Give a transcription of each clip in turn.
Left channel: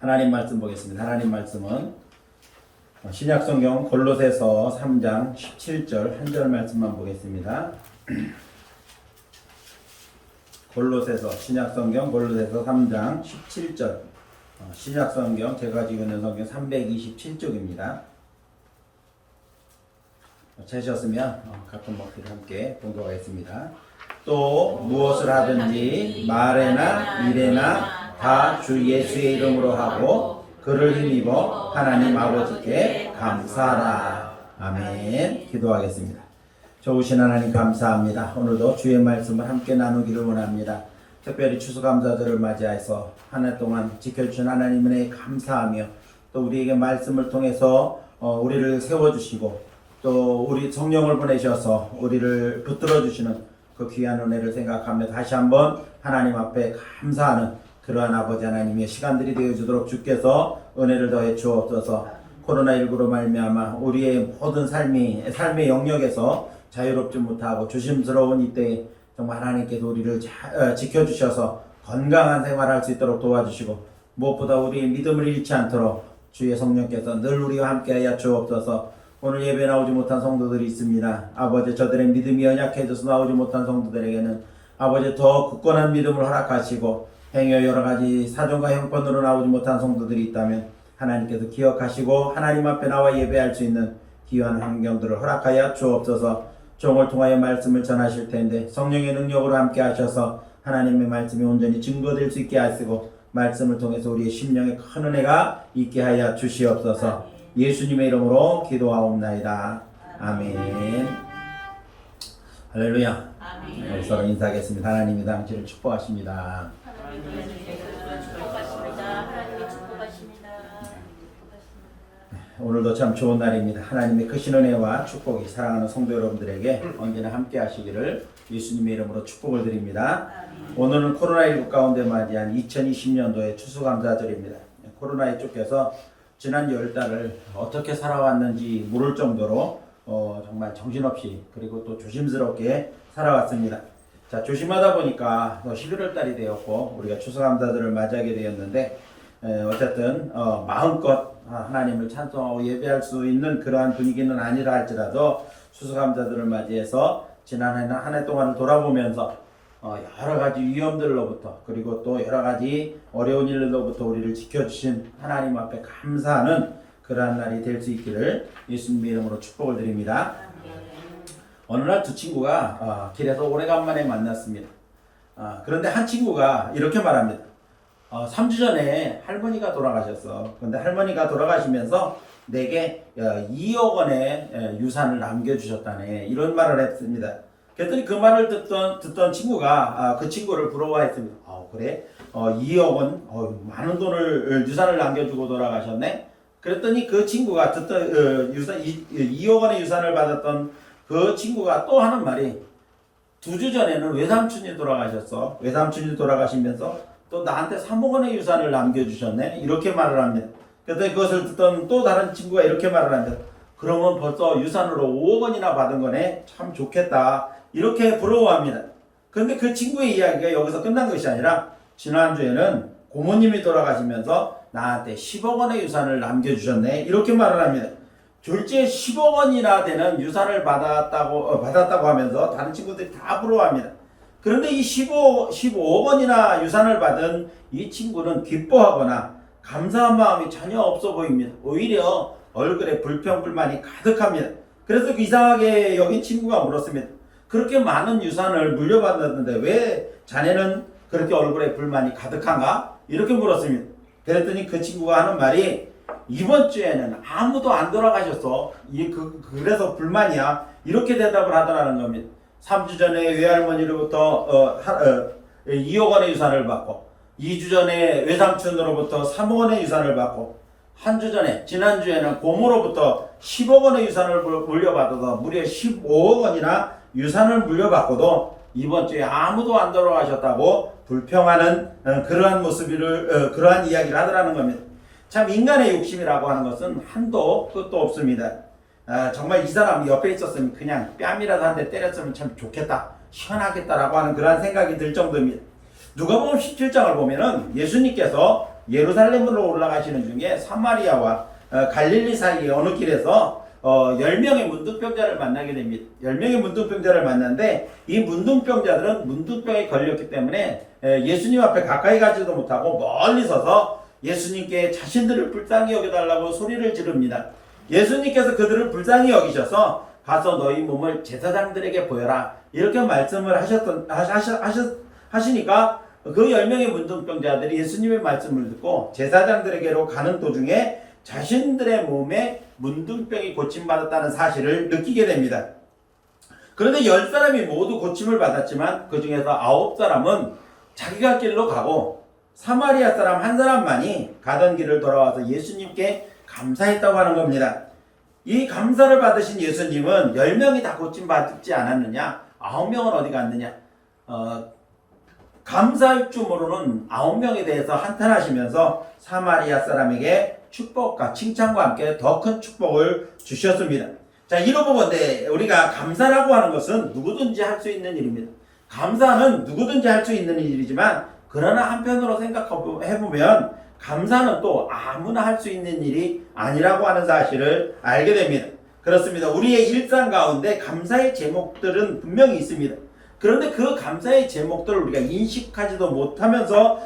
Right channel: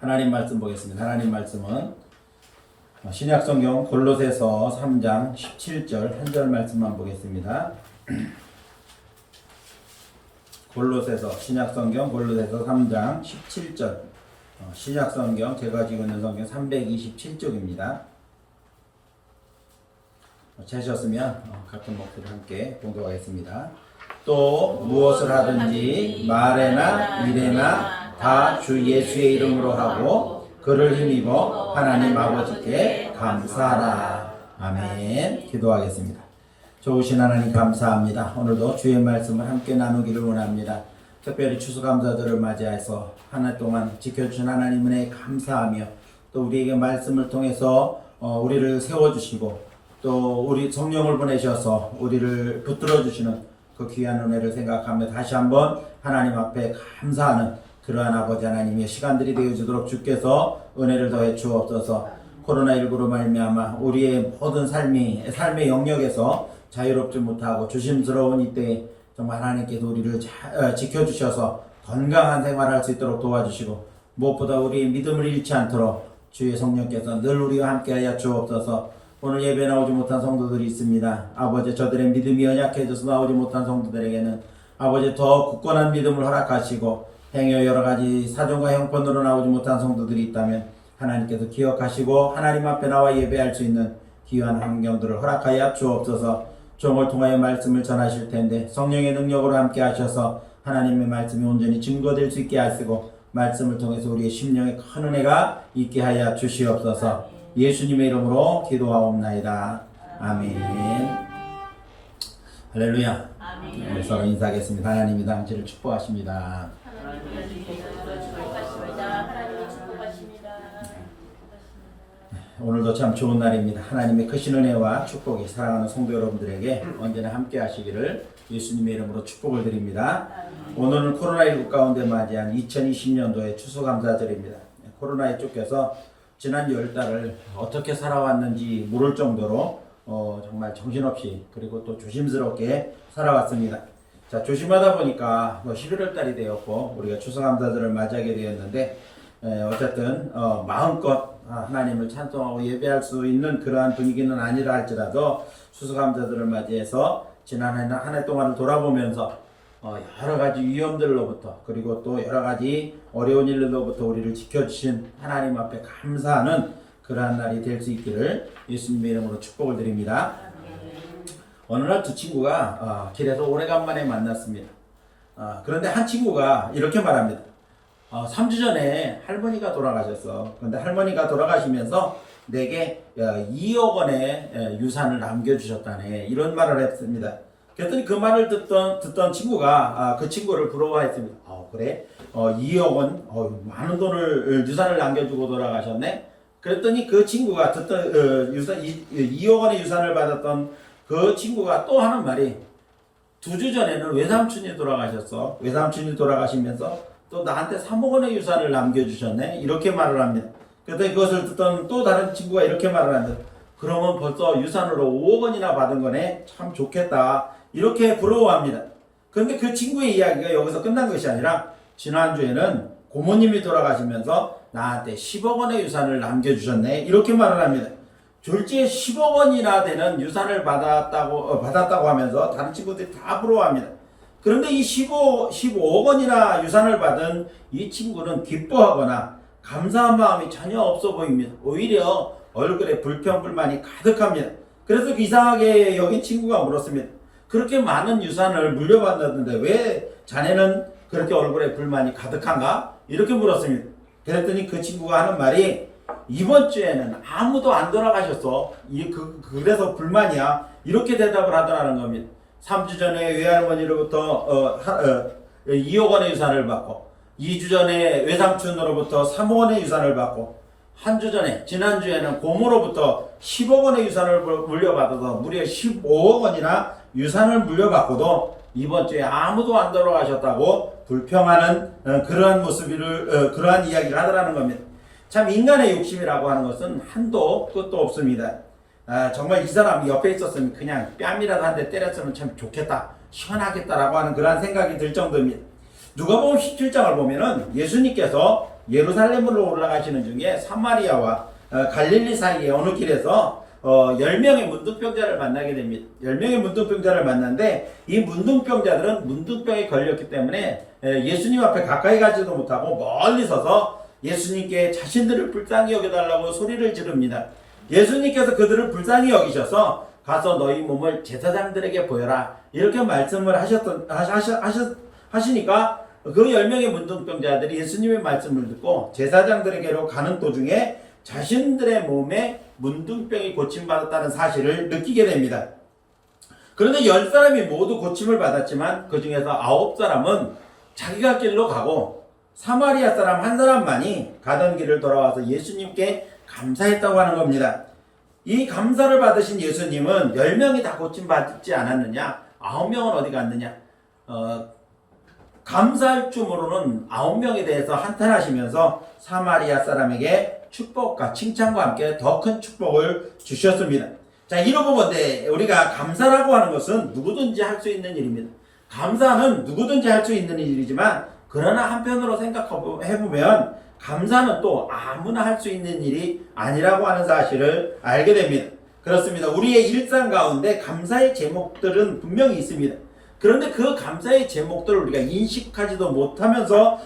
하나님 말씀 보겠습니다. 하나님 말씀은 신약성경 골로새서 3장 17절 한 절 말씀만 보겠습니다. 골로새서 신약성경 골로새서 3장 17절 신약성경 제가 지고 있는 성경 327쪽입니다. 찾으셨으면 같은 목소리 함께 봉독하겠습니다. 또 무엇을 하든지 말에나 일에나 다 주 예수의 이름으로 하고 그를 힘입어 하나님 아버지께 감사하라. 아멘. 기도하겠습니다. 좋으신 하나님 감사합니다. 오늘도 주의 말씀을 함께 나누기를 원합니다. 특별히 추수감사절을 맞이해서 한 해 동안 지켜주신 하나님 은혜에 감사하며 또 우리에게 말씀을 통해서 우리를 세워주시고 또 우리 성령을 보내셔서 우리를 붙들어 주시는 그 귀한 은혜를 생각하며 다시 한번 하나님 앞에 감사하는 그러한 아버지 하나님의 시간들이 되어주도록 주께서 은혜를 더해 주옵소서. 코로나19로 말미암아 우리의 모든 삶의 영역에서 자유롭지 못하고 조심스러운 이때에 정말 하나님께서 우리를 지켜주셔서 건강한 생활할 수 있도록 도와주시고 무엇보다 우리의 믿음을 잃지 않도록 주의 성령께서 늘 우리와 함께하여 주옵소서. 오늘 예배 나오지 못한 성도들이 있습니다. 아버지 저들의 믿음이 연약해져서 나오지 못한 성도들에게는 아버지 더 굳건한 믿음을 허락하시고 행여 여러가지 사정과 형편으로 나오지 못한 성도들이 있다면 하나님께서 기억하시고 하나님 앞에 나와 예배할 수 있는 귀한 환경들을 허락하여 주옵소서. 종을 통하여 말씀을 전하실 텐데 성령의 능력으로 함께 하셔서 하나님의 말씀이 온전히 증거될 수 있게 하시고 말씀을 통해서 우리의 심령에 큰 은혜가 있게 하여 주시옵소서. 예수님의 이름으로 기도하옵나이다. 아멘. 할렐루야. 아멘. 서로 인사하겠습니다. 하나님이 당신을 축복하십니다. 오늘도 참 좋은 날입니다. 하나님의 크신 은혜와 축복이 사랑하는 성도 여러분들에게 언제나 함께 하시기를 예수님의 이름으로 축복을 드립니다. 오늘은 코로나19 가운데 맞이한 2020년도의 추수감사절입니다. 코로나에 쫓겨서 지난 10달을 어떻게 살아왔는지 모를 정도로 정말 정신없이 그리고 또 조심스럽게 살아왔습니다. 자, 조심하다 보니까 11월 달이 되었고 우리가 추수감사절을 맞이하게 되었는데 어쨌든 마음껏 하나님을 찬송하고 예배할 수 있는 그러한 분위기는 아니라 할지라도 추수감사절을 맞이해서 지난 한 해 동안을 돌아보면서 여러 가지 위험들로부터 그리고 또 여러 가지 어려운 일로부터 우리를 지켜주신 하나님 앞에 감사하는 그러한 날이 될 수 있기를 예수님의 이름으로 축복을 드립니다. 어느 날 두 친구가 길에서 오래간만에 만났습니다. 그런데 한 친구가 이렇게 말합니다. 3주 전에 할머니가 돌아가셨어. 그런데 할머니가 돌아가시면서 내게 2억 원의 유산을 남겨주셨다네. 이런 말을 했습니다. 그랬더니 그 말을 듣던 친구가 그 친구를 부러워했습니다. 그래? 2억 원? 많은 돈을 유산을 남겨주고 돌아가셨네? 그랬더니 그 친구가 듣던 2억 원의 유산을 받았던 그 친구가 또 하는 말이 2주 전에는 외삼촌이 돌아가셨어. 외삼촌이 돌아가시면서 또 나한테 3억 원의 유산을 남겨주셨네? 이렇게 말을 합니다. 그랬더니 그것을 듣던 또 다른 친구가 이렇게 말을 합니다. 그러면 벌써 유산으로 5억 원이나 받은 거네? 참 좋겠다. 이렇게 부러워합니다. 그런데 그 친구의 이야기가 여기서 끝난 것이 아니라 지난주에는 고모님이 돌아가시면서 나한테 10억 원의 유산을 남겨주셨네. 이렇게 말을 합니다. 졸지에 10억 원이나 되는 유산을 받았다고 하면서 다른 친구들이 다 부러워합니다. 그런데 이 15억 원이나 유산을 받은 이 친구는 기뻐하거나 감사한 마음이 전혀 없어 보입니다. 오히려 얼굴에 불평불만이 가득합니다. 그래서 이상하게 여긴 친구가 물었습니다. 그렇게 많은 유산을 물려받았는데 왜 자네는 그렇게 얼굴에 불만이 가득한가? 이렇게 물었습니다. 그랬더니 그 친구가 하는 말이 이번 주에는 아무도 안 돌아가셨어. 그래서 불만이야. 이렇게 대답을 하더라는 겁니다. 3주 전에 외할머니로부터 2억 원의 유산을 받고 2주 전에 외삼촌으로부터 3억 원의 유산을 받고 한 주 전에 지난주에는 고모로부터 10억 원의 유산을 물려받아서 무려 15억 원이나 유산을 물려받고도 이번 주에 아무도 안 돌아가셨다고 불평하는 그러한 그러한 이야기를 하더라는 겁니다. 참 인간의 욕심이라고 하는 것은 한도 끝도 없습니다. 정말 이 사람 옆에 있었으면 그냥 뺨이라도 한 대 때렸으면 참 좋겠다, 시원하겠다라고 하는 그러한 생각이 들 정도입니다. 누가복음 17장을 보면은 예수님께서 예루살렘으로 올라가시는 중에 사마리아와 갈릴리 사이의 어느 길에서 10명의 문둥병자를 만나게 됩니다. 10명의 문둥병자를 만났는데 이 문둥병자들은 문둥병에 걸렸기 때문에 예수님 앞에 가까이 가지도 못하고 멀리 서서 예수님께 자신들을 불쌍히 여겨달라고 소리를 지릅니다. 예수님께서 그들을 불쌍히 여기셔서 가서 너희 몸을 제사장들에게 보여라 이렇게 말씀을 하시니까 그 10명의 문둥병자들이 예수님의 말씀을 듣고 제사장들에게로 가는 도중에 자신들의 몸에 문둥병이 고침받았다는 사실을 느끼게 됩니다. 그런데 10사람이 모두 고침을 받았지만 그 중에서 9사람은 자기가 길로 가고 사마리아 사람 한 사람만이 가던 길을 돌아와서 예수님께 감사했다고 하는 겁니다. 이 감사를 받으신 예수님은 10명이 다 고침받지 않았느냐? 9명은 어디 갔느냐? 감사할 줄 모르는 9명에 대해서 한탄하시면서 사마리아 사람에게 축복과 칭찬과 함께 더 큰 축복을 주셨습니다. 자, 이로 보건대 우리가 감사라고 하는 것은 누구든지 할 수 있는 일입니다. 감사는 누구든지 할 수 있는 일이지만 그러나 한편으로 생각해보면 감사는 또 아무나 할 수 있는 일이 아니라고 하는 사실을 알게 됩니다. 그렇습니다. 우리의 일상 가운데 감사의 제목들은 분명히 있습니다. 그런데 그 감사의 제목들을 우리가 인식하지도 못하면서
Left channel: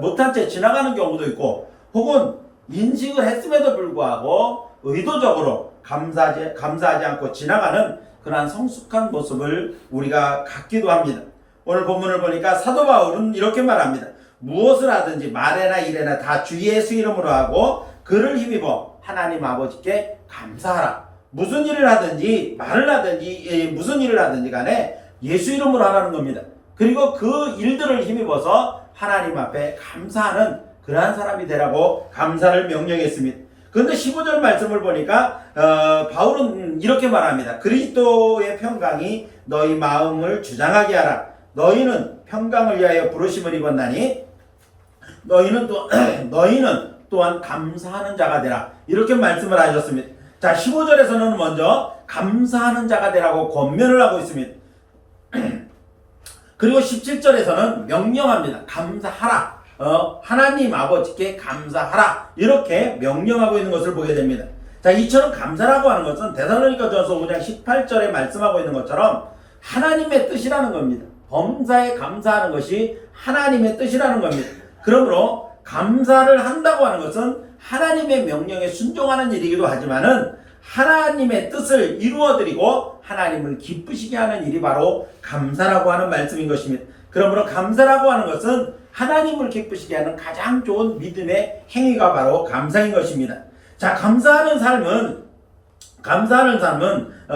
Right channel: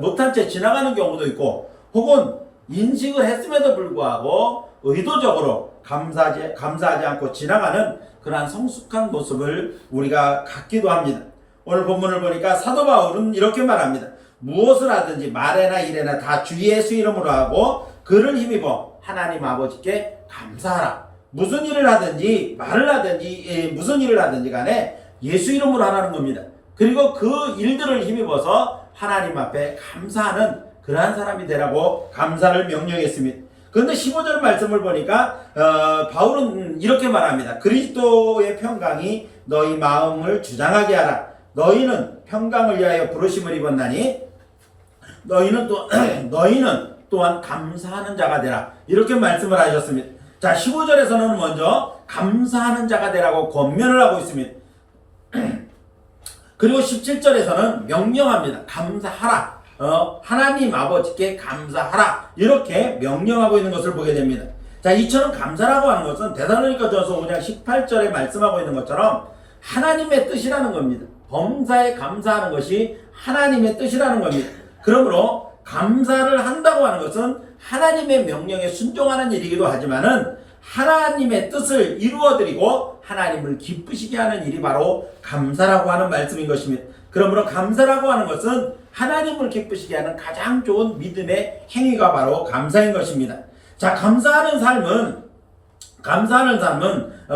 못한 채 지나가는 경우도 있고 혹은 인식을 했음에도 불구하고 의도적으로 감사하지 않고 지나가는 그러한 성숙한 모습을 우리가 갖기도 합니다. 오늘 본문을 보니까 사도 바울은 이렇게 말합니다. 무엇을 하든지 말에나 일에나 다 주 예수 이름으로 하고 그를 힘입어 하나님 아버지께 감사하라. 무슨 일을 하든지 말을 하든지 무슨 일을 하든지 간에 예수 이름으로 하라는 겁니다. 그리고 그 일들을 힘입어서 하나님 앞에 감사하는 그러한 사람이 되라고 감사를 명령했습니다. 그런데 15절 말씀을 보니까 바울은 이렇게 말합니다. 그리스도의 평강이 너희 마음을 주장하게 하라. 너희는 평강을 위하여 부르심을 입었나니 너희는 또한 감사하는 자가 되라. 이렇게 말씀을 하셨습니다. 자, 15절에서는 먼저 감사하는 자가 되라고 권면을 하고 있습니다. 그리고 17절에서는 명령합니다. 감사하라. 하나님 아버지께 감사하라. 이렇게 명령하고 있는 것을 보게 됩니다. 자, 이처럼 감사라고 하는 것은 데살로니가전서 5장 18절에 말씀하고 있는 것처럼 하나님의 뜻이라는 겁니다. 범사에 감사하는 것이 하나님의 뜻이라는 겁니다. 그러므로 감사를 한다고 하는 것은 하나님의 명령에 순종하는 일이기도 하지만은 하나님의 뜻을 이루어드리고 하나님을 기쁘시게 하는 일이 바로 감사라고 하는 말씀인 것입니다. 그러므로 감사라고 하는 것은 하나님을 기쁘시게 하는 가장 좋은 믿음의 행위가 바로 감사인 것입니다. 자, 감사하는 삶은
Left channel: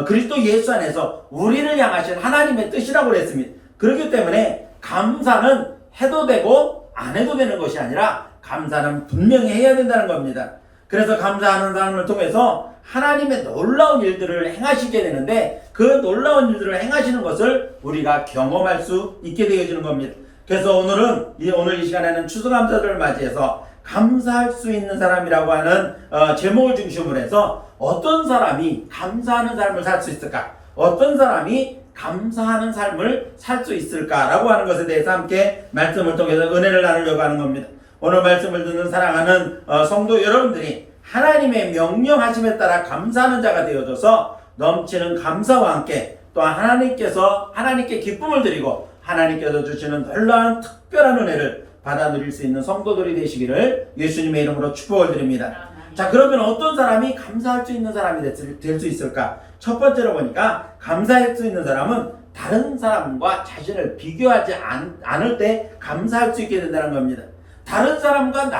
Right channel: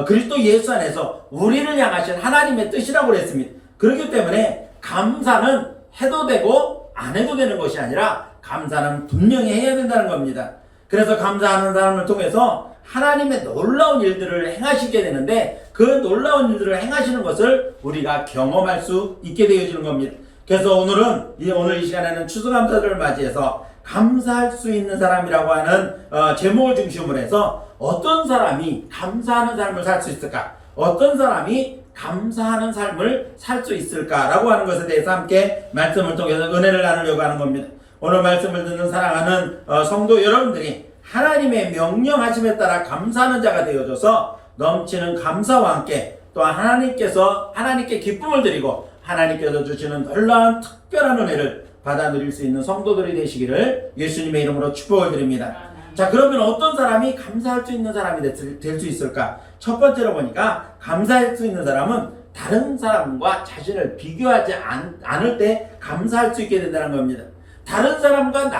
그리스도 예수 안에서 우리를 향하신 하나님의 뜻이라고 그랬습니다. 그렇기 때문에 감사는 해도 되고 안 해도 되는 것이 아니라 감사는 분명히 해야 된다는 겁니다. 그래서 감사하는 사람을 통해서 하나님의 놀라운 일들을 행하시게 되는데 그 놀라운 일들을 행하시는 것을 우리가 경험할 수 있게 되어지는 겁니다. 그래서 오늘 이 시간에는 추수감사절을 맞이해서 감사할 수 있는 사람이라고 하는 제목을 중심으로 해서 어떤 사람이 감사하는 삶을 살 수 있을까? 어떤 사람이 감사하는 삶을 살 수 있을까라고 하는 것에 대해서 함께 말씀을 통해서 은혜를 나누려고 하는 겁니다. 오늘 말씀을 듣는 사랑하는 성도 여러분들이 하나님의 명령하심에 따라 감사하는 자가 되어져서 넘치는 감사와 함께 또한 하나님께 기쁨을 드리고 하나님께서 주시는 놀라운 특별한 은혜를 받아 누릴 수 있는 성도들이 되시기를 예수님의 이름으로 축복을 드립니다. 자, 그러면 어떤 사람이 감사할 수 있는 사람이 될 수 있을까? 첫 번째로 보니까 감사할 수 있는 사람은 다른 사람과 자신을 비교하지 않을 때 감사할 수 있게 된다는 겁니다. 다른 사람과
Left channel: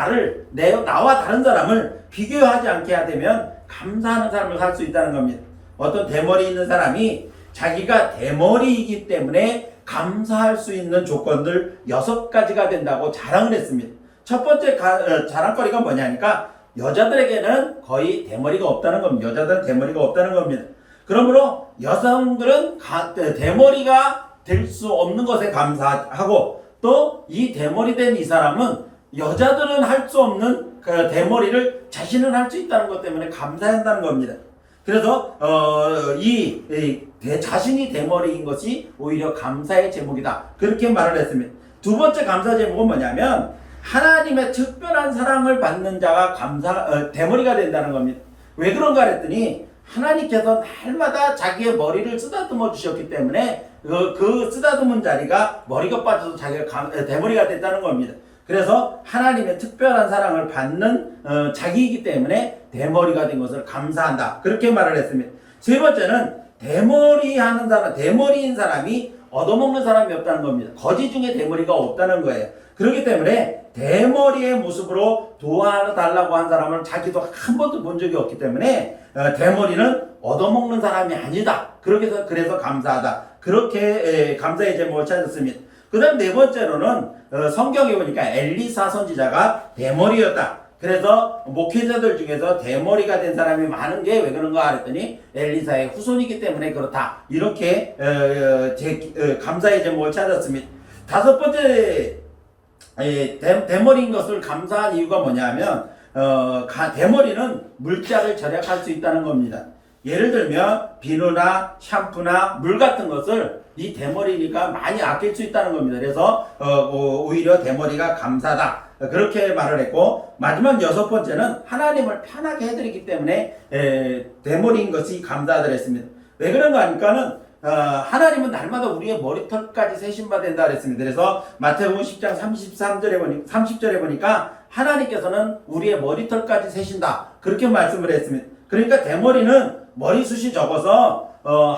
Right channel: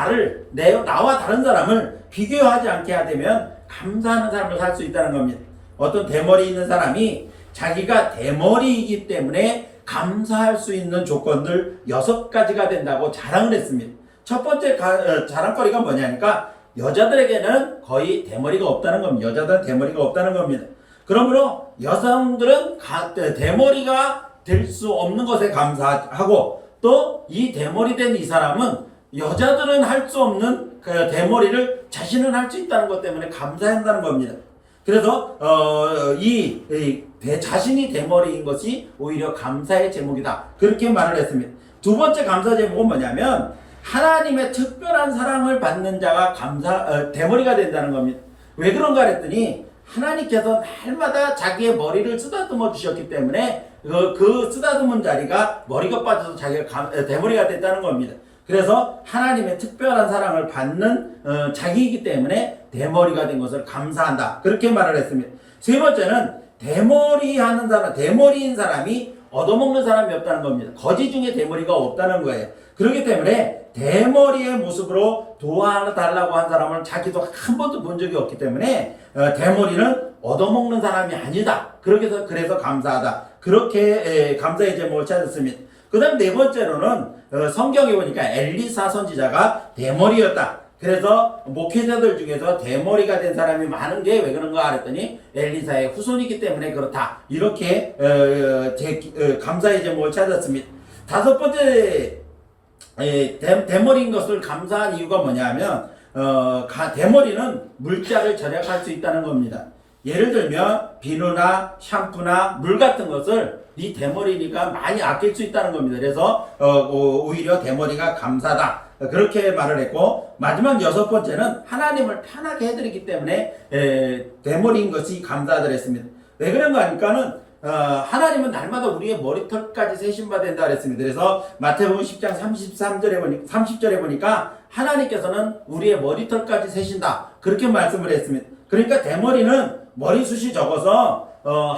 나와 다른 사람을 비교하지 않게 되면 감사하는 삶을 살 수 있다는 겁니다. 어떤 대머리 있는 사람이 자기가 대머리이기 때문에 감사할 수 있는 조건들 6가지가 된다고 자랑을 했습니다. 첫 번째 자랑거리가 뭐냐니까 여자들에게는 거의 대머리가 없다는 겁니다. 여자들은 대머리가 없다는 겁니다. 그러므로 여성들은 대머리가 될 수 없는 것에 감사하고 또 이 대머리 된 이 사람은 여자들은 할 수 없는 그 대머리를 자신은 할 수 있다는 것 때문에 감사한다는 겁니다. 그래서 자신이 대머리인 것이 오히려 감사의 제목이다. 그렇게 말을 했습니다. 두 번째 감사 제목은 뭐냐면 하나님의 특별한 사랑을 받는 자가 대머리가 된다는 겁니다. 왜 그런가 그랬더니 하나님께서 날마다 자기의 머리를 쓰다듬어 주셨기 때문에 그 쓰다듬은 자리가 머리가 빠져서 자기가 대머리가 됐다는 겁니다. 그래서 하나님의 특별한 사랑을 받는 자기이기 때문에 대머리가 된 것을 감사한다. 그렇게 말을 했습니다. 세 번째는 대머리인 사람이 얻어먹는 사람이 없다는 겁니다. 거지 중에 대머리가 없다는 거예요. 그렇기 때문에 대머리의 모습으로 도와달라고 한 사람을 자기도 한 번도 본 적이 없기 때문에 대머리는 얻어먹는 사람이 아니다. 그래서 감사하다. 그렇게 감사의 제목을 찾았습니다. 그 다음 네 번째로는 성경에 보니까 엘리사 선지자가 대머리였다. 그래서 목회자들 중에서 대머리가 된 사람이 많은 게 왜 그런가 했더니 엘리사의 후손이기 때문에 그렇다. 이렇게 감사의 제목을 찾았습니다. 다섯 번째 대머리인 것을 감사한 이유가 뭐냐면 대머리는 물자를 절약할 수 있다는 겁니다. 예를 들면 비누나 샴푸나 물 같은 것을 이 대머리니까 많이 아낄 수 있다는 겁니다. 그래서 오히려 대머리가 감사다. 그렇게 말을 했고, 마지막 여섯 번째는 하나님을 편하게 해드리기 때문에 대머리인 것이 감사하다 했습니다. 왜 그런가 하니까는 하나님은 날마다 우리의 머리털까지 세심받아 된다 그랬습니다. 그래서 마태복음 10장 30절에 보니까 하나님께서는 우리의 머리털까지 세신다. 그렇게 말씀을 했습니다. 그러니까 대머리는 머리숱이 적어서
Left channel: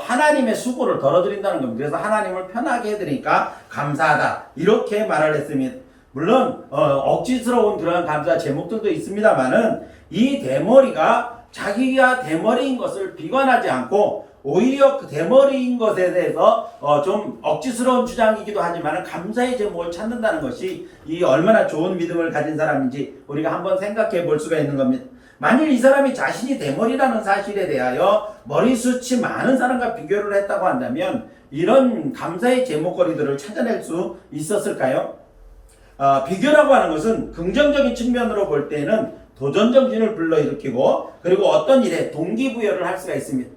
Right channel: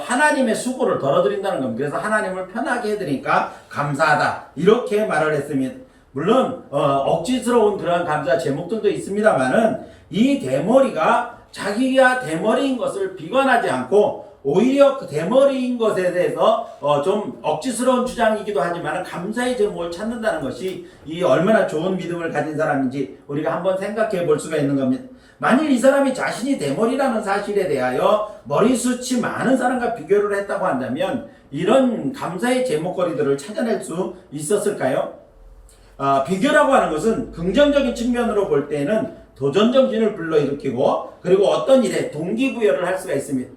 하나님의 수고를 덜어드린다는 겁니다. 그래서 하나님을 편하게 해드리니까 감사하다. 이렇게 말을 했습니다. 물론 억지스러운 그런 감사 제목들도 있습니다만은 이 대머리가 자기가 대머리인 것을 비관하지 않고 오히려 그 대머리인 것에 대해서 좀 억지스러운 주장이기도 하지만 감사의 제목을 찾는다는 것이 이 얼마나 좋은 믿음을 가진 사람인지 우리가 한번 생각해 볼 수가 있는 겁니다. 만일 이 사람이 자신이 대머리라는 사실에 대하여 머리숱이 많은 사람과 비교를 했다고 한다면 이런 감사의 제목거리들을 찾아낼 수 있었을까요? 비교라고 하는 것은 긍정적인 측면으로 볼 때는 도전정신을 불러일으키고 그리고 어떤 일에 동기부여를 할 수가 있습니다.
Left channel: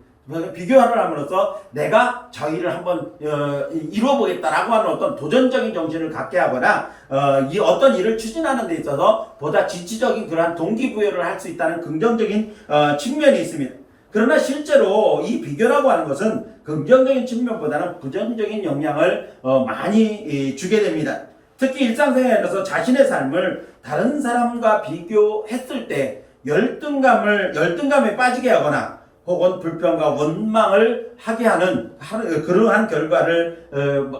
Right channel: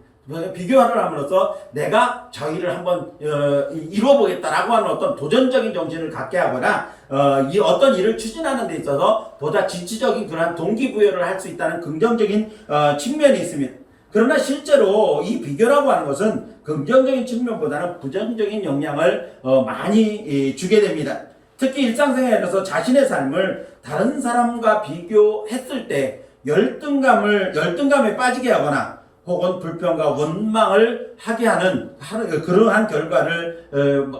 비교를 함으로써 내가 저 일을 한번 이루어보겠다라고 하는 어떤 도전적인 정신을 갖게 하거나 이 어떤 일을 추진하는 데 있어서 보다 지치적인 그러한 동기부여를 할 수 있다는 긍정적인 측면이 있습니다. 그러나 실제로 이 비교라고 하는 것은 긍정적인 측면보다는 부정적인 영향을 많이 주게 됩니다. 특히 일상생활에서 자신의 삶을 다른 사람과 비교했을 때 열등감에 빠지게 하거나 혹은 불평과 원망을 하게 하는 그러한 결과를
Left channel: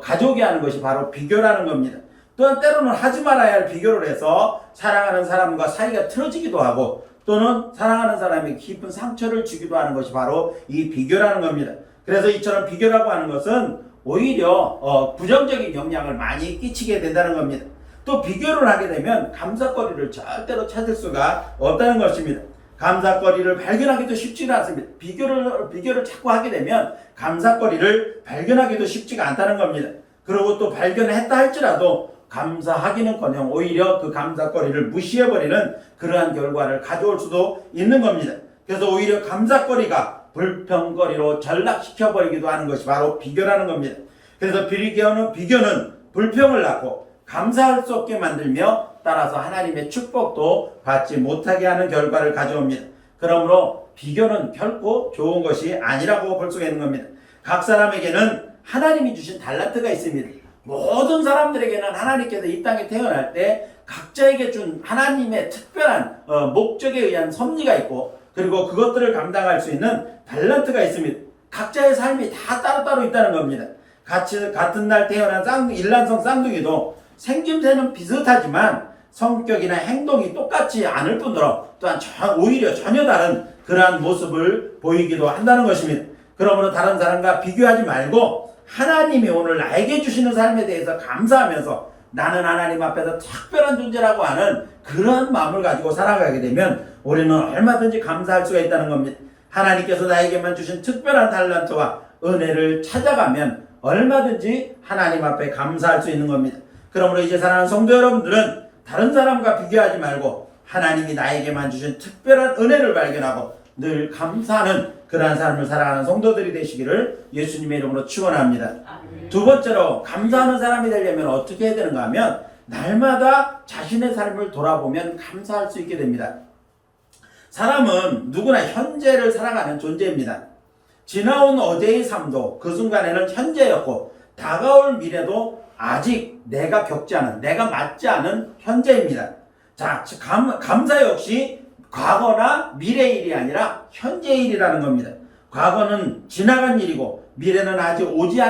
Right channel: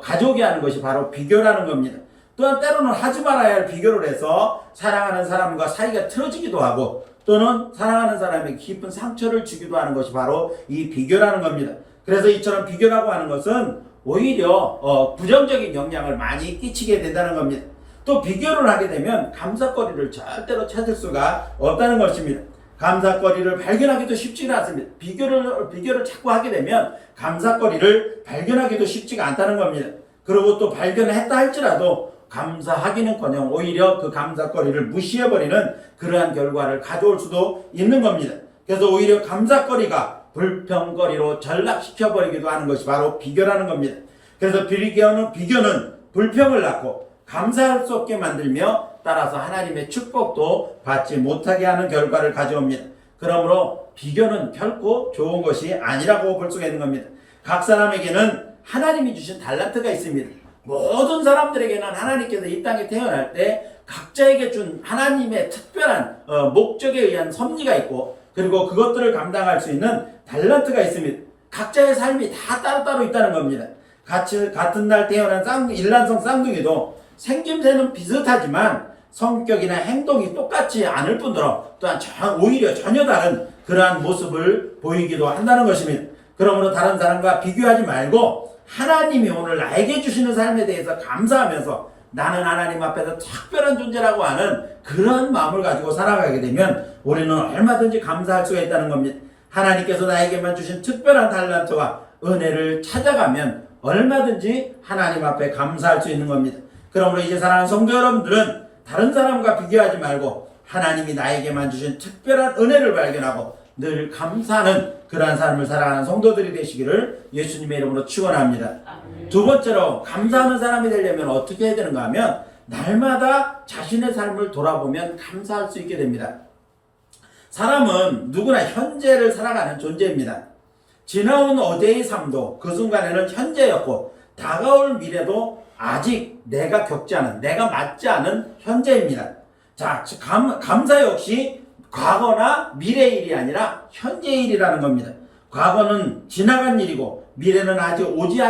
가져오게 하는 것이 바로 비교라는 겁니다. 또한 때로는 하지 말아야 할 비교를 해서 사랑하는 사람과 사이가 틀어지기도 하고 또는 사랑하는 사람에게 깊은 상처를 주기도 하는 것이 바로 이 비교라는 겁니다. 그래서 이처럼 비교라고 하는 것은 오히려 부정적인 영향을 많이 끼치게 된다는 겁니다. 또 비교를 하게 되면 감사거리를 절대로 찾을 수가 없다는 것입니다. 감사거리를 발견하기도 쉽지가 않습니다. 비교를 자꾸 하게 되면 감사거리를 발견하기도 쉽지가 않다는 겁니다. 그리고 또 발견했다 할지라도 감사하기는커녕 오히려 그 감사거리를 무시해버리는 그러한 결과를 가져올 수도 있는 겁니다. 그래서 오히려 감사거리가 불평거리로 전락시켜버리기도 하는 것이 바로 비교라는 겁니다. 그래서 비교는 불평을 낳고 감사할 수 없게 만들며 따라서 하나님의 축복도 받지 못하게 하는 결과를 가져옵니다. 그러므로 비교는 결코 좋은 것이 아니라고 볼 수가 있는 겁니다. 각 사람에게는 하나님이 주신 달란트가 있습니다. 모든 사람들에게는 하나님께서 이 땅에 태어날 때 각자에게 준 하나님의 특별한 목적에 의한 섭리가 있고 그리고 그것들을 감당할 수 있는 달란트가 있습니다. 각자의 삶이 다 따로따로 있다는 겁니다. 같은 날 태어난 일란성 쌍둥이도 생김새는 비슷하지만 성격이나 행동이 똑같지 않을 뿐더러 또한 오히려 전혀 다른 그러한 모습을 보이기도 한다는 것입니다. 그러므로 다른 사람과 비교하지 말고 하나님이 오늘 나에게 주시는 삶에 대해서 감사하면서 나는 하나님 앞에서 특별한 존재라고 하는 그러한 마음을 가지고 살아가게 되면 우리는 얼마든지 감사할 수가 있다는 겁니다. 하나님께서 나에게만 주신 특별한 달란트와 은혜를 찾아가면 얼마든지 하나님 앞에 감사할 수 있는 겁니다. 그러므로 이제 사랑하는 성도 여러분들은 다른 사람과 비교하지 말고 하나님이 나에게만 주신 특별한 은혜를 발견하고 늘 감사하는 그러한 삶을 살아가는 성도들이 되시기를 예수님의 이름으로 축원합니다. 두 번째로 감사하는 사람이 되려면 어떻게 해야 되는가 하면 날마다 자신의 삶을 돌아보면 감사할 수 있게 됩니다. 사람은 누구나 현재를 살아가는 존재입니다. 지나온 어제의 삶도 그 순간에는 현재였고 다가올 미래도 아직 내가 겪지 않은, 내가 맞지 않은 현재입니다. 자, 감사 역시 과거나 미래의 일이 아니라 현재의 일이라는 겁니다. 과거는 지나간 일이고 미래는 아직 오지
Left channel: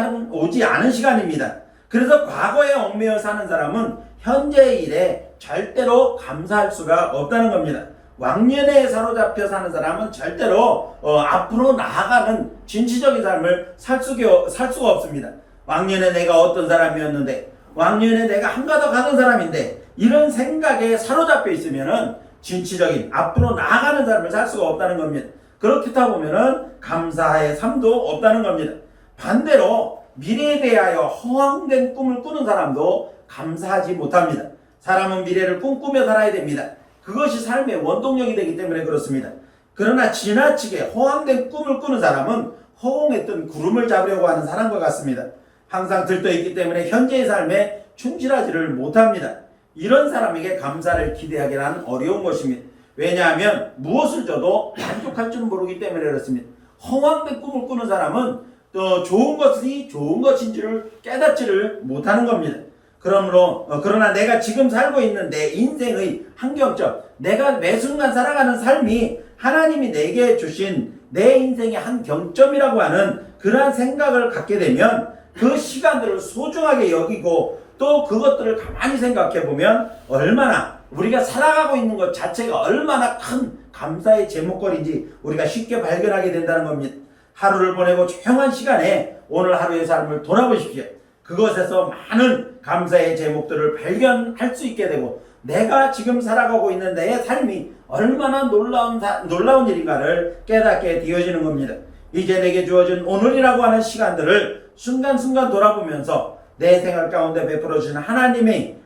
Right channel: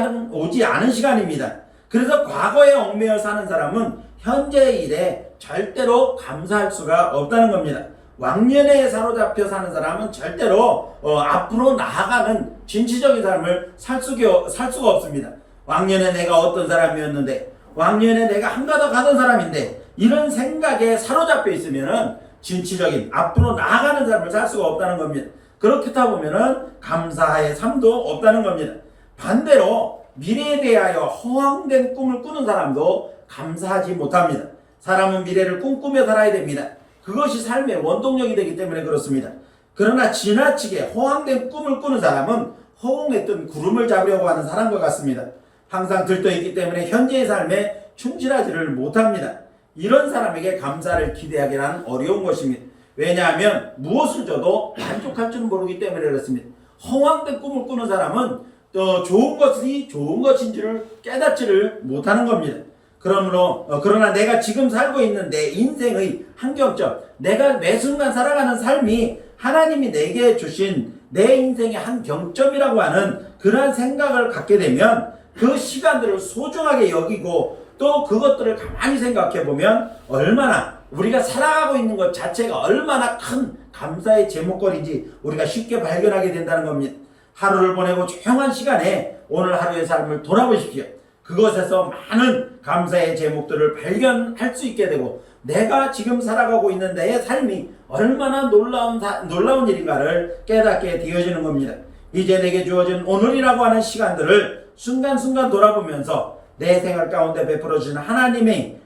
않은 시간입니다. 그래서 과거에 얽매여 사는 사람은 현재의 일에 절대로 감사할 수가 없다는 겁니다. 왕년에 사로잡혀 사는 사람은 절대로 앞으로 나아가는 진취적인 삶을 살 수가 없습니다. 왕년에 내가 어떤 사람이었는데, 왕년에 내가 한가 더 가는 사람인데, 이런 생각에 사로잡혀 있으면은 진취적인 앞으로 나아가는 삶을 살 수가 없다는 겁니다. 그렇다 보면은 감사의 삶도 없다는 겁니다. 반대로 미래에 대하여 허황된 꿈을 꾸는 사람도 감사하지 못합니다. 사람은 미래를 꿈꾸며 살아야 됩니다. 그것이 삶의 원동력이 되기 때문에 그렇습니다. 그러나 지나치게 허황된 꿈을 꾸는 사람은 허공에 뜬 구름을 잡으려고 하는 사람과 같습니다. 항상 들떠있기 때문에 현재의 삶에 충실하지를 못합니다. 이런 사람에게 감사를 기대하기는 어려운 것입니다. 왜냐하면 무엇을 줘도 만족할 줄 모르기 때문에 그렇습니다. 허황된 꿈을 꾸는 사람은 또 좋은 것이 좋은 것인 줄을 깨닫지를 못하는 겁니다. 그러나 내가 지금 살고 있는 내 인생의 한경점, 내가 매 순간 살아가는 삶이 하나님이 내게 주신 내 인생의 한 경점이라고 하는 그러한 생각을 갖게 되면 그 시간들을 소중하게 여기고 또 그것들을 가만히 생각해 보면 얼마나 우리가 살아가고 있는 것 자체가 얼마나 큰 감사의 제목거리인지 우리가 쉽게 발견하게 된다는 겁니다. 하루를 보내고 조용한 시간에 오늘 하루의 삶을 돌아보십시오. 그것에서 많은 감사의 제목들을 발견할 수 있게 되고 내가 지금 살아가고 있는 내 삶이 얼마나 놀라운 일인가를 깨닫게 되어지는 겁니다. 이제 내게 주어진 오늘이라고 하는 시간들을 순간순간 돌아보면서 내 생활 가운데 베풀어 주신 하나님의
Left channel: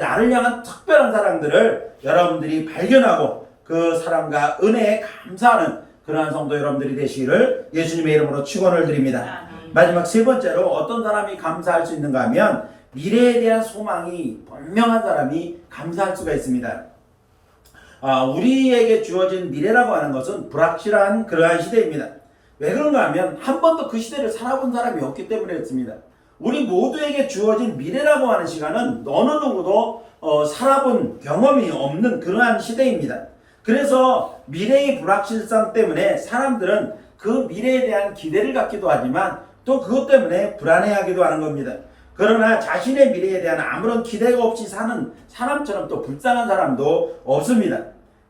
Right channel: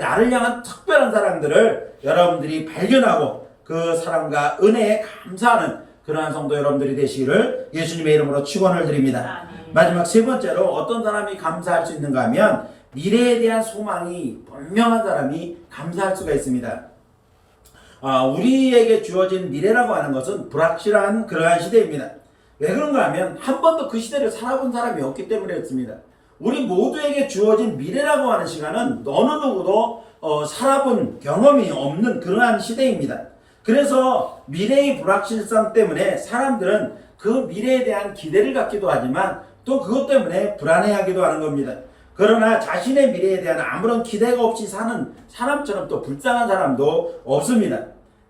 나를 향한 특별한 사랑들을 여러분들이 발견하고 그 사랑과 은혜에 감사하는 그러한 성도 여러분들이 되시기를 예수님의 이름으로 축원을 드립니다. 마지막 세 번째로 어떤 사람이 감사할 수 있는가 하면 미래에 대한 소망이 분명한 사람이 감사할 수가 있습니다. 우리에게 주어진 미래라고 하는 것은 불확실한 그러한 시대입니다. 왜 그런가 하면 한 번도 그 시대를 살아본 사람이 없기 때문에 그렇습니다. 우리 모두에게 주어진 미래라고 하는 시간은 어느 누구도 살아본 경험이 없는 그러한 시대입니다. 그래서 미래의 불확실성 때문에 사람들은 그 미래에 대한 기대를 갖기도 하지만 또 그것 때문에 불안해하기도 하는 겁니다. 그러나 자신의 미래에 대한 아무런 기대가 없이 사는 사람처럼 또 불쌍한 사람도 없습니다.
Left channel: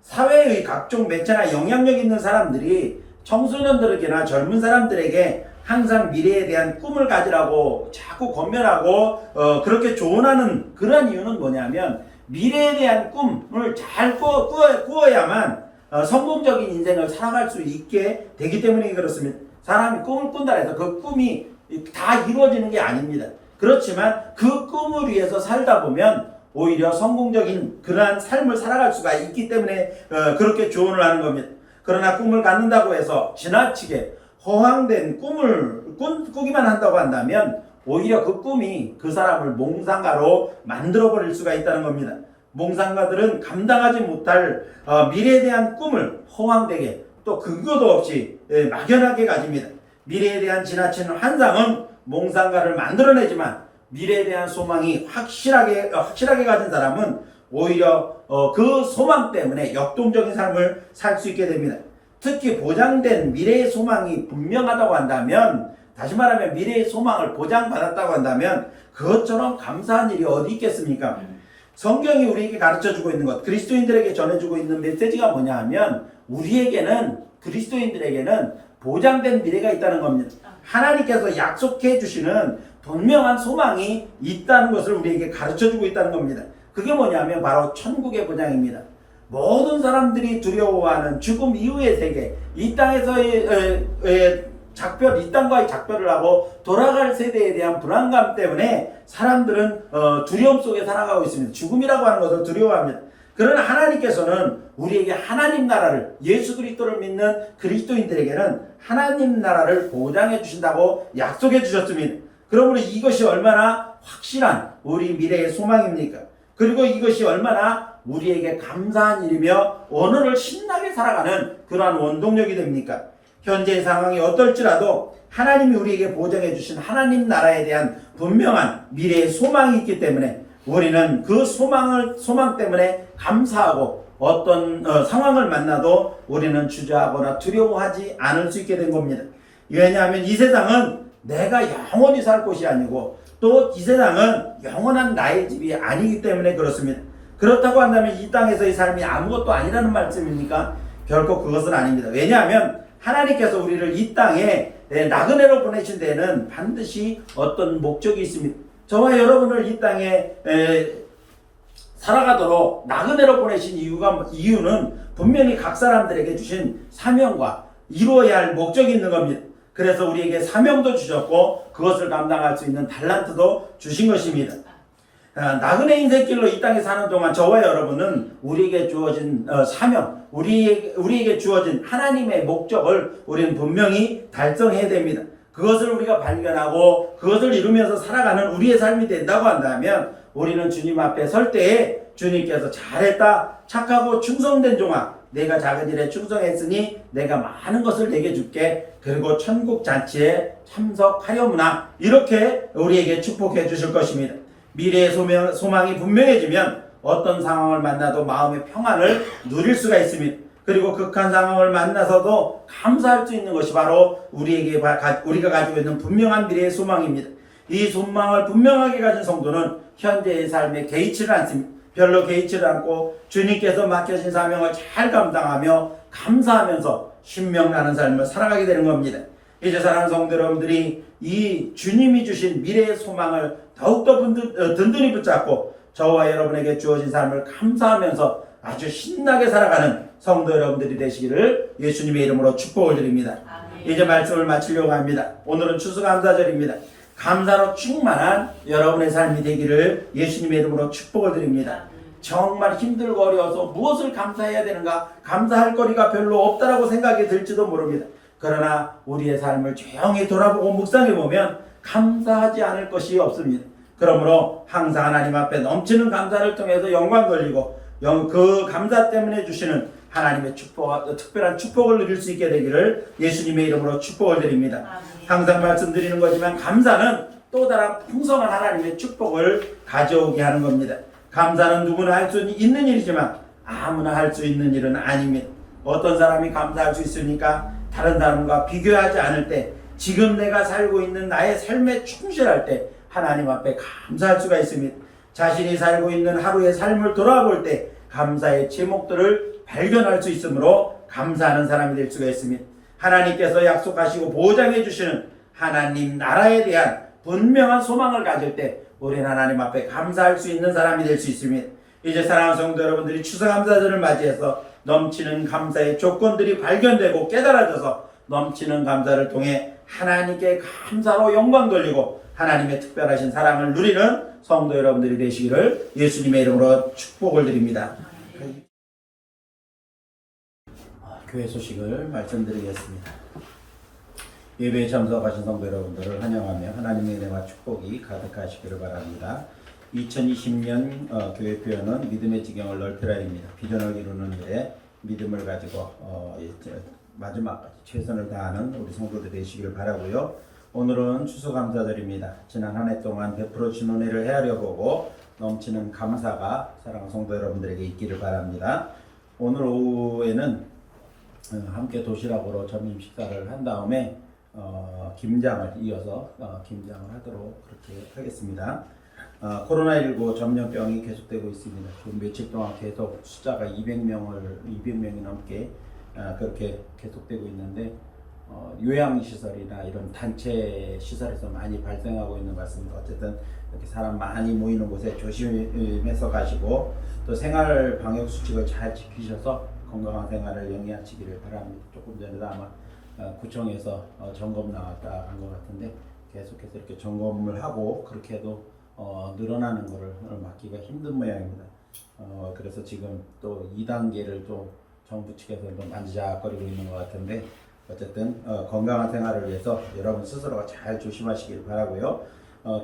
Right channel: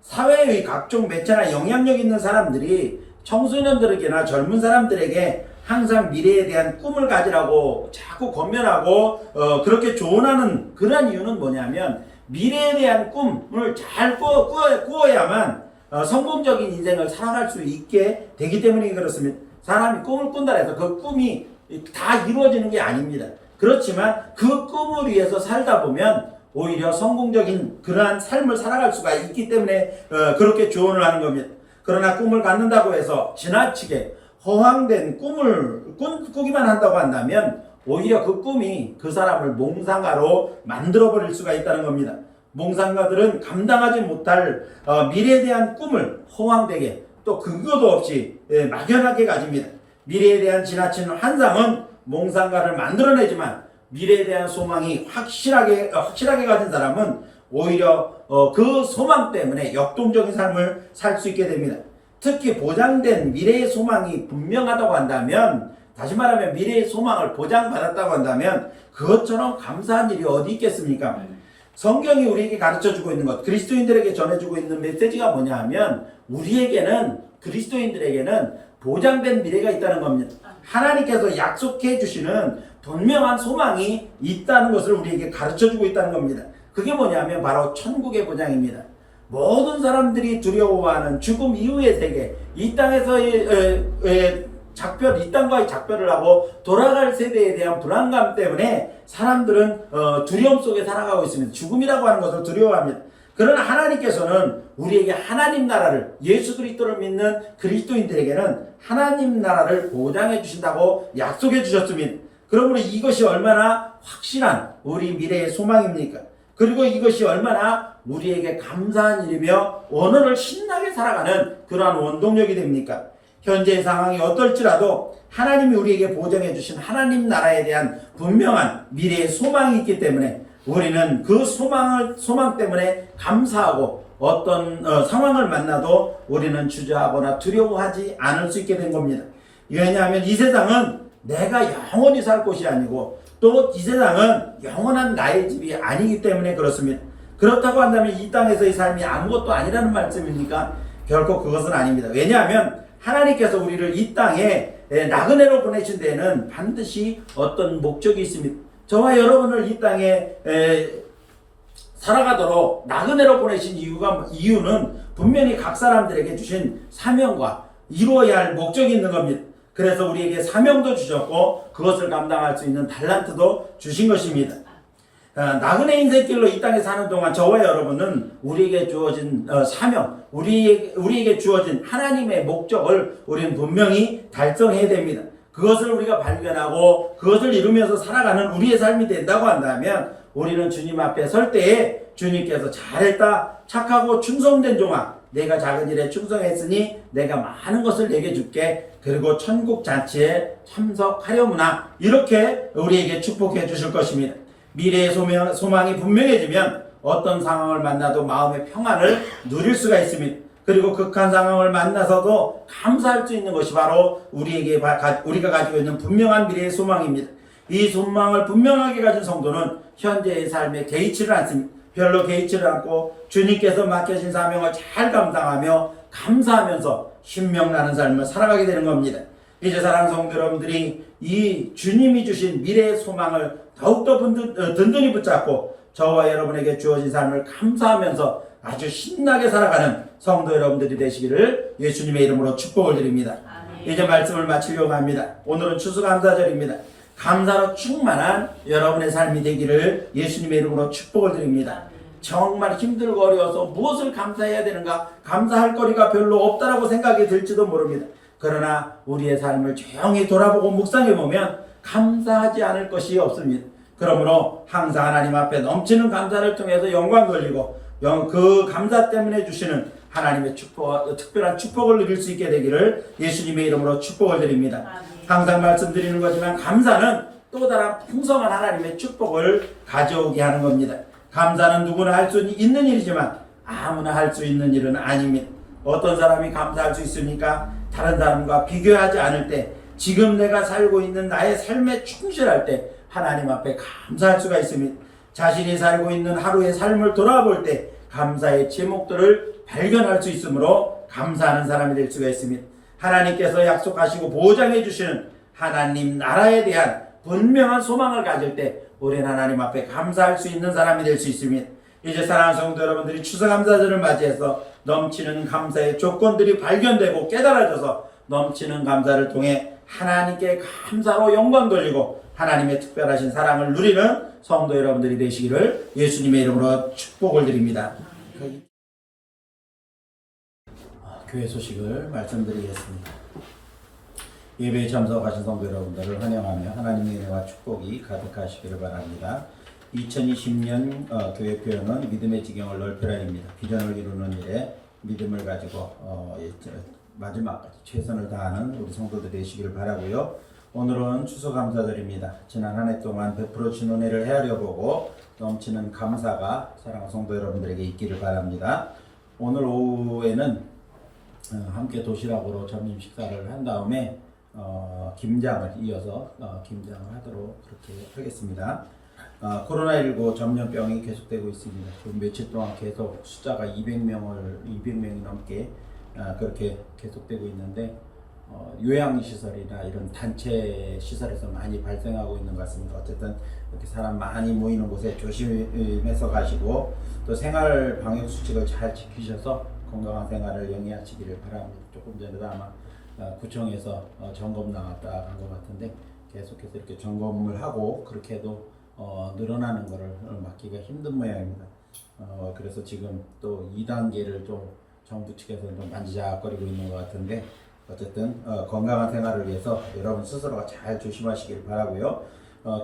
사회의 각종 매체나 영향력 있는 사람들이 청소년들에게나 젊은 사람들에게 항상 미래에 대한 꿈을 가지라고 자꾸 권면하고 그렇게 조언하는 그런 이유는 뭐냐면 미래에 대한 꿈을 잘 꾸어야만 성공적인 인생을 살아갈 수 있게 되기 때문에 그렇습니다. 사람이 꿈을 꾼다 해서 그 꿈이 다 이루어지는 게 아닙니다. 그렇지만 그 꿈을 위해서 살다 보면 오히려 성공적인 그러한 삶을 살아갈 수가 있기 때문에 그렇게 조언을 하는 겁니다. 그러나 꿈을 갖는다고 해서 지나치게 허황된 꿈을 꾸기만 한다고 한다면 오히려 그 꿈이 그 사람을 몽상가로 만들어버릴 수가 있다는 겁니다. 몽상가들은 감당하지 못할 미래에 대한 꿈을 허황되게 또 근거도 없이 막연하게 가집니다. 미래에 대한 지나친 환상은 몽상가를 만들어내지만 미래에 대한 소망이 확실하게 가진 사람은 오히려 그 소망 때문에 역동적인 삶을 살 수 있게 됩니다. 특히 보장된 미래의 소망이 분명하다고 한다면, 다시 말하면 미래의 소망을 보장받았다고 한다면 그것처럼 감사한 일이 어디 있겠습니까? 성경이 우리에게 가르쳐주고 있는 것, 그리스도인들에게 전해주고 있는 메시지가 뭐냐 하면 그리스도인들에게는 보장된 미래가 있다는 겁니다. 하나님께서 약속해 주시는 분명한 소망이 있다는 것을 우리에게 가르쳐주고 있다는 겁니다. 그게 뭐냐면 바로 천국의 보장입니다. 모든 사람들이 두려워하는 죽음 이후의 세계, 이 땅에서의 이 땅과의 작별을 하고 돌아갈 세대에 대한 불안감 때문에 사람들은 두려움 속에 살아가고 있습니다. 죽음이라고 하는 것을 두려워합니다. 그러나 하나님께서는 우리에게 하나님 나라를, 예수 그리스도를 믿는 그리스도인들에게는 하나님 나라를 보장해 주신다고 약속해 주셨습니다. 그러므로 이것이 얼마나 확실한 우리 미래의 소망입니까? 그리고 이것이 얼마나 우리에게 감사한 일이며 오늘을 신나게 살아가는 그러한 원동력이 됩니까? 현재의 상황이 어떨지라도 하나님이 우리에게 보장해 주신 하나님 나라에 대한 분명한 미래의 소망이 있기 때문에 우리는 그 소망 때문에 감사하고 어떤 상황을 만나도 우리는 주저하거나 두려워하지 않을 수 있게 된 겁니다. 왜냐하면 이 세상은 내가 영원히 살 곳이 아니고 또 이 세상은 영원한 나의 집이 아니기 때문에 그렇습니다. 그렇다고 한다면 이 땅에서의 삶이 아무것도 아니라는 말씀입니까? 결코 그것은 아닙니다. 왜냐하면 하나님께서 우리를 이 땅에 나그네로 보내신 데에는 반드시 어떤 목적이 있습니다. 저와 여러분을 이 땅에 살아가도록 나그네로 보내신 이유는 분명히 각 사람들에게 주신 사명과 이루어야 할 목적이 있는 겁니다. 그래서 우리에게 사명도 주셨고 그것을 감당할 수 있는 달란트도 주신 것입니다. 나그네 인생길로 이 땅에 사는 동안 저와 여러분은 우리에게 주어진 사명, 우리에게 주어진 하나님의 목적을 우리는 분명히 달성해야 됩니다. 그것을 우리가 발견하고 그것을 이루면서 살아가는 우리의 삶이 된다고 한다면 우리는 주님 앞에 설 때에 주님께서 잘했다, 착하고 충성된 종아, 내가 작은 일에 충성했으니 내가 많은 것을 내게 줄게. 그리고 천국 잔치에 참석하려무나, 이렇게 우리에게 축복해 주실 것입니다. 미래의 소망이 분명해지면 어떤 상황을 만나도 마음의 평안을 누릴 수가 있습니다. 그리고 극한 상황을 만나서도 감사할 수 있는 것이 바로 우리가 가지고 있는 분명한 미래의 소망입니다. 이 소망을 분명하게 가진 성도는 현재의 삶에 개의치를 않습니다. 별로 개의치를 않고 주님께서 맡겨진 사명을 잘 감당하며 감사하면서 신명나는 삶을 살아가게 되는 겁니다. 이제 사랑하는 성도 여러분들이 이 주님이 주신 미래의 소망을 더욱더 든든히 붙잡고 저와 여러분에게 주어진 삶을 감사하면서 아주 신나게 살아가는 성도 여러분들이 되시기를 예수님의 이름으로 축복을 드립니다. 아멘. 이제 말씀을 마치려고 합니다. 오늘은 추수감사절입니다. 감사로 충만한 여러분의 삶이 되기를 예수님의 이름으로 축복을 드립니다. 정말 힘들고 어려워서 무엇을 감사해야 되는가, 감사할 거리가 별로 없다라고 생각이 들지도 모릅니다. 그러나 우리의 삶을 조용히 돌아보고 묵상해보면 감사하지 않을 것이 없습니다. 그러므로 항상 하나님 앞에 넘치는 감사를 통해서 영광 돌리고 그 감사 때문에 주시는 하나님의 특별한 축복을 누릴 수 있게 되기를 예수님의 이름으로 축복을 드립니다. 아멘. 항상 말씀드리는 거지만 감사는 또 다른 풍성한 하나님의 축복을 가져오게 하는 겁니다. 감사는 누구나 할 수 있는 일이지만 아무나 할 수 있는 일은 아닙니다. 어떤 사람이 감사할 수 있습니까? 다른 사람과 비교하지 않을 때, 지금 내가 살고 있는 나의 삶에 충실할 때 하나님 앞에 감사할 수가 있습니다. 자신이 살고 있는 하루의 삶을 돌아볼 때 감사의 제목들을 발견할 수 있으므로 감사하는 사람이 될 수가 있습니다. 하나님께서 약속하시고 보장해 주시는 하나님 나라에 대한 분명한 소망을 가질 때 우리는 하나님 앞에 감사할 수 있는 사람이 될 수 있습니다. 이제 사랑하는 성도 여러분들이 추수감사절을 맞이해서 넘치는 감사의 조건들이 발견되고 깨달아져서 넘치는 감사를 통해 하나님께 감사로 영광 돌리고 하나님의 특별하신 사랑을 누리는 성도 여러분들이 되시기를 예수님의 이름으로 축복을 드립니다. 교회 소식을 말씀드리겠습니다. 예배에 참석하신 성도 여러분들을 환영하며 하나님의 은혜와 축복이 가득하시기를 바랍니다. 2020년 교회 표현은 믿음의 지경을 넓혀라입니다. 비전을 이루는 일에 믿음을 가지고 마지막까지 최선을 다하는 우리 성도들이 되시기를 바라고요. 오늘은 추수감사절입니다. 지난 한 해 동안 베풀어 주신 은혜를 헤아려 보고 넘치는 감사가 사랑하는 성도 여러분들에게 있기를 바랍니다. 오늘 오후에는 함께 도시락으로 점심 식사를 한 다음에 김장을 이어서 김장을 하도록 그렇게 하겠습니다. 코로나19 전염병이 계속되고 있습니다. 지금 며칠 동안 계속 숫자가 200명이 넘게 그렇게 계속되고 있는데 요양시설이나 이런 단체 시설에서 많이 발생하고 있는 것 같습니다. 어쨌든 이렇게 사람 많이 모이는 곳에 조심해서 가시고 또 생활 방역 수칙을 잘 지키셔서 건강한 생활을 영위하시기를 바랍니다. 조금 전에도 아마 구청에서 점검 나갔다 한 것 같은데 계속해서 이렇게 점검을 하고 그렇게 해도 늘어나는 것을 막기가 힘든 모양입니다. 그래서 지금 또 2단계를 또 정부 측에서 좀 만지작거리고 있는 것 같은데 어쨌든 건강한 생활을 위해서 여러분 스스로가 잘 조심하시길 바라고요.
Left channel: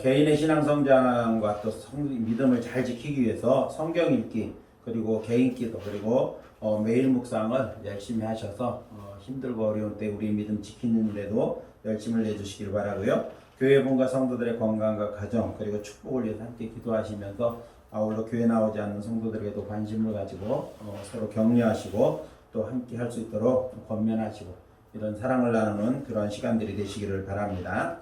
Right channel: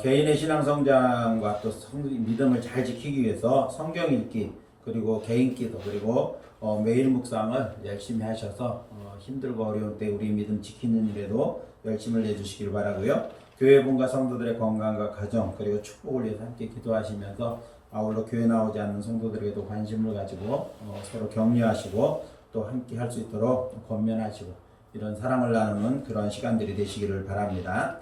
개인의 신앙 성장과 또 믿음을 잘 지키기 위해서 성경 읽기 그리고 개인 기도 그리고 매일 묵상을 열심히 하셔서 힘들고 어려운 때 우리 믿음 지키는 데도 열심을 내주시길 바라고요. 교회분과 성도들의 건강과 가정 그리고 축복을 위해서 함께 기도하시면서 아울러 교회 나오지 않는 성도들에게도 관심을 가지고 서로 격려하시고 또 함께 할 수 있도록 권면하시고 이런 사랑을 나누는 그런 시간들이 되시기를 바랍니다.